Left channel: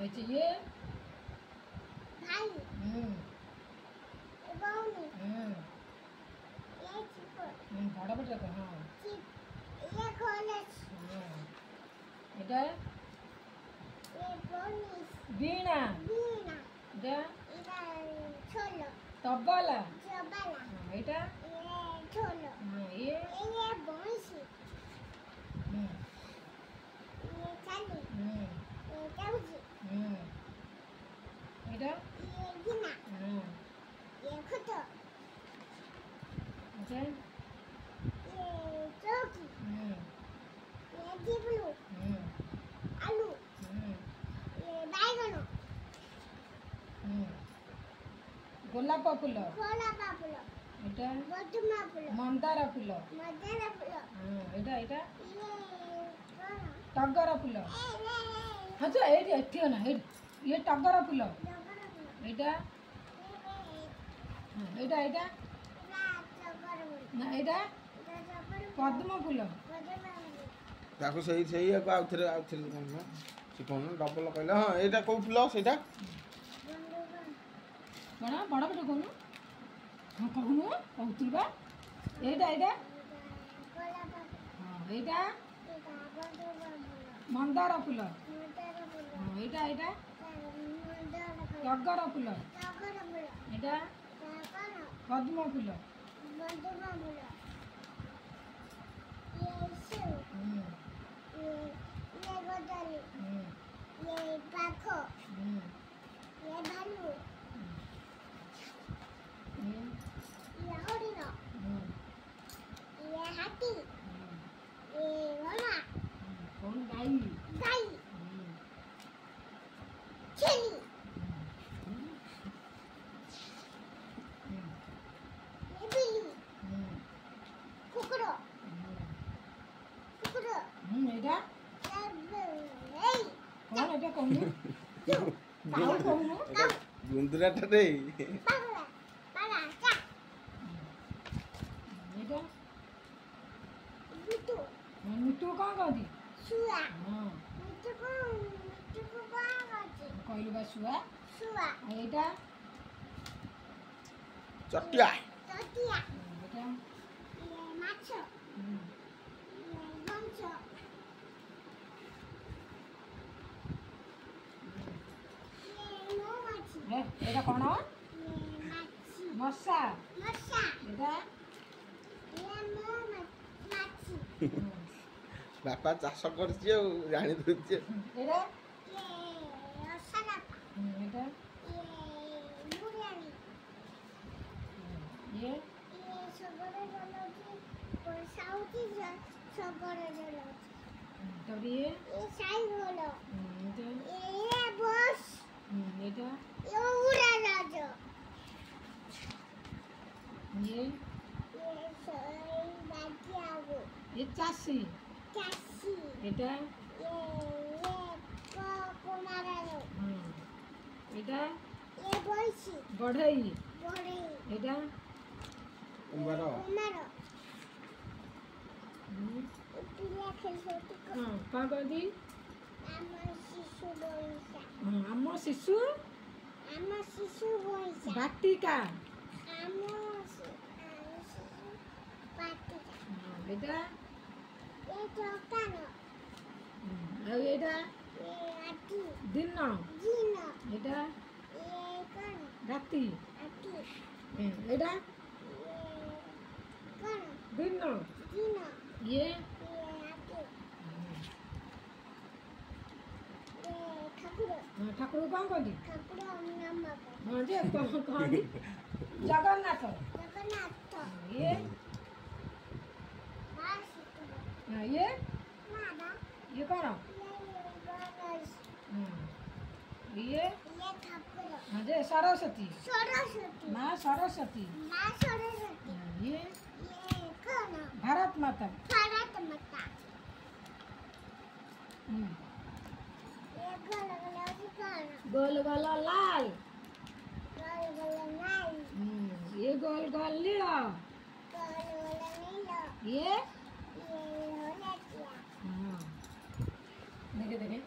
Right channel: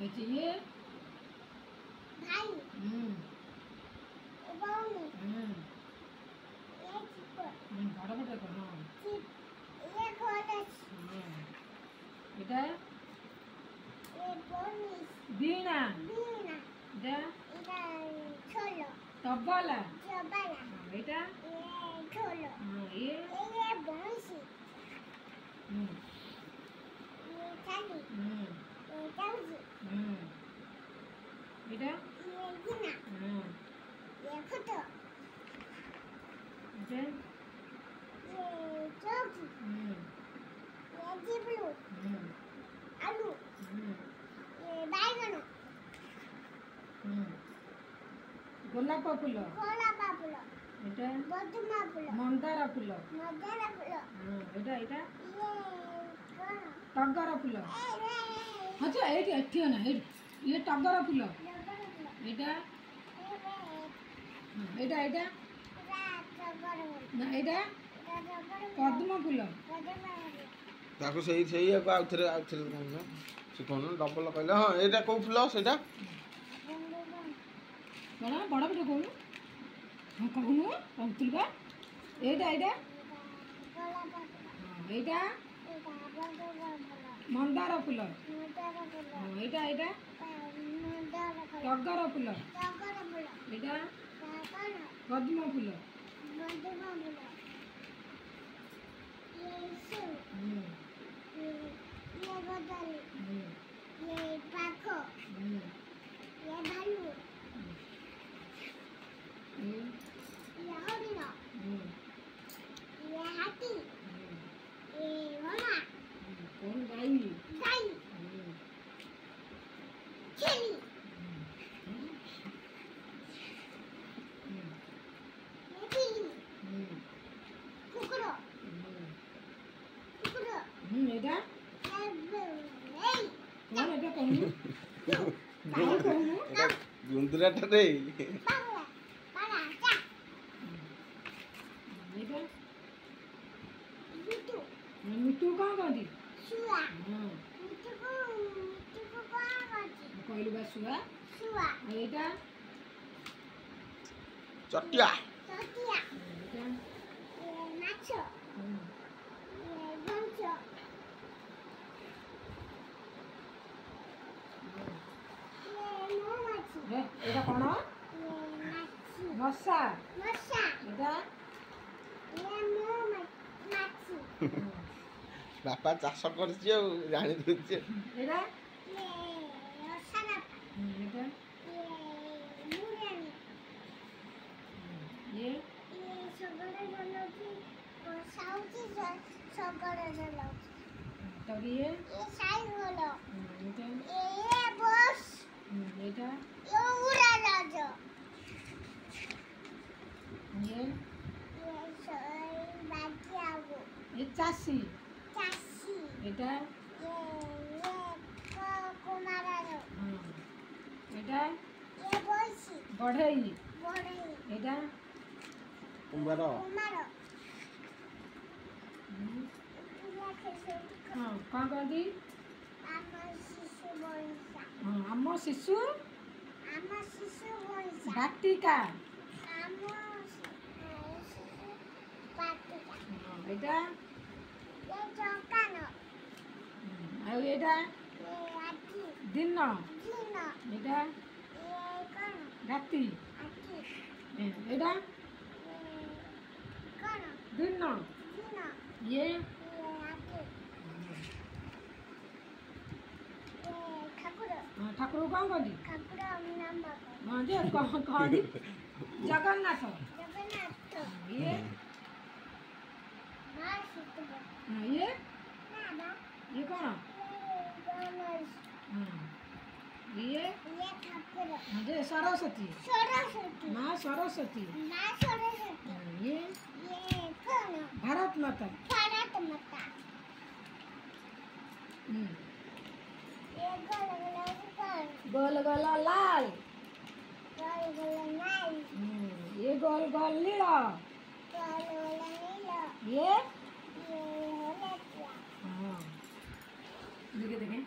अच्छा ये भाई बाउनी ये चिप बड़ा बड़ा को हाँ चिप ये कॉलेज এটা ये बोनिस বীণা बीना এটা इधर छोलो তবলা जबाला এটা ये छोलो ये ये बोंसी ये चाली ये ताउजी এটা ये गिना ये खुतो এটা ये चौकी ये जिबलू आलू ये बैगन গোলাপ ফুল खोला पापुलो এটা बदुमा फुलो মন্দার ফুল मदरा फुलो এটা এটা ये कौन টগর ফুল ए আচ্ছা এইটা এটিও না ये টগর ফুল डबरा फुलो এটা এটা এটা रात डबरा না এটা डबरा পদ্ম ফুল बदुमा ତାକୁ ସେଇଆକୁ ଆଉଥରେ କହୁନ ସେ କହୁନ ଡବଲ କହିଲେ ହଁ ଏଇଟା କେଉଁ ଫୁଲ ସେଇଟା କଣ ବଡ଼ ବଡ଼ କହୁନୁ ହଁ କହୁନୁ କହୁଥିଲୁ ବା ଏଇଟା ଏଇଟା खोला पापुलो ଏଇଟା ये बदुमा फुलो ମନ୍ଦାର ଫୁଲ मदरा फुलो ଏଇଟା ଏଇଟା मदरा फुलो ଟଗର ଫୁଲ डबरा फुलो ଏଇଟା कौन ପଦ୍ମ ଫୁଲ बदुमा फुलो ये सु ये गोदाली ये पाखो ये भालू ये हरिण ये हाथी ये घोड़ा কোন গাই गाय छेली ये बिल्ली कुकुरो कुकुरो এটা ये কোন এটা কହୁନୁ କାହିଁ କହୁନୁ ଏଇଟା ଗୁନ୍ଦୁରାଟା ଦେଇ पागला पाला चा ଏଇଟା बिटू ମିଟୁ କ'ଣ କହନ୍ତି सुआ ହଁ मिटू को कौन करती କହିଲୁ ବା ଶୁଆ सुआ ଏଇଟା ଚଟିଆ तोतिया ଏଇଟା ये माछो ये गंचो ये मौमाछी ଏଇଟା କ'ଣ ये माछी ମଶା मशा ଏଇଟା ये मौमाछी ବାପା ଚାଷ କରିଛି ଆଉ ଜାଣିଦେଉଛି ଏଇଟା ये रसलापा ଏଇଟା ये मुरानी ଇଏ ये सबरे जलाउची तो साउची सबरे जलाउची ତାପରେ ଇଏ ये साइकल ଏଇଟା ये बस ଏଇଟା ये उड़ा राजो ଇଏ ये सोई बाकी आगो ଏ ଚାଷୀ चासी ଏଇଟା ये कुमारारो ଏଇଟା ये बोलसी ବଢ଼େଇ बड़े ଏଇଟା କୁମ୍ଭାର कुमारो पिया खेलते ହଁ କ'ଣ କହନ୍ତି आमा शिशु बोलसा ଆମ ଶିଶୁ आमा शिशु बोलसा ବାଟିକା आमा शिशु पाटिका ଏଇଟା ये चौकानो ଆଉ ଏଇଟା ये आटी ଦିନ जीनो ଏଇଟା ये कौन ରାତି आटी ଏଇଟା ये कौन ଦିନ जीनो ଇଏ ये आटी ये ठाकुर ଠାକୁରକୁ କ'ଣ କହନ୍ତି ଠାକୁର ନାମ ହଁ ଯେ କହନ୍ତି ଜଗନ୍ନାଥ ଜଗନ୍ନାଥ ଇଏ ମା ଶିଖବ ଇଏ ନା ନା ଇଏ କ'ଣ ଗଣେଶ ଇଏ ଇଏ ଠାକୁର ଯେ ସରସ୍ୱତୀ ସରସ୍ୱତୀ ମା ସରସ୍ୱତୀ ମା ସରସ୍ୱତୀ ଇଏ ଇଏ କଣ ଭାରତ ମାତା ଭାରତ ମାତା ହୁଁ। ଇଏ ଗୋଲ ଗୋଲ ହଉଛି କଣ ଗୋଲ ଗୋଲ ଲାଲ ଗୋଲ ଗୋଲ ନାଇ ଇଏ ଗୋଲ ଗୋଲ ନୀଳ ଗୋଲ ଗୋଲ ନୀଳ ଇଏ ଇଏ ହଳଦିଆ ହଁ ଦେଖେ ଦେଖେ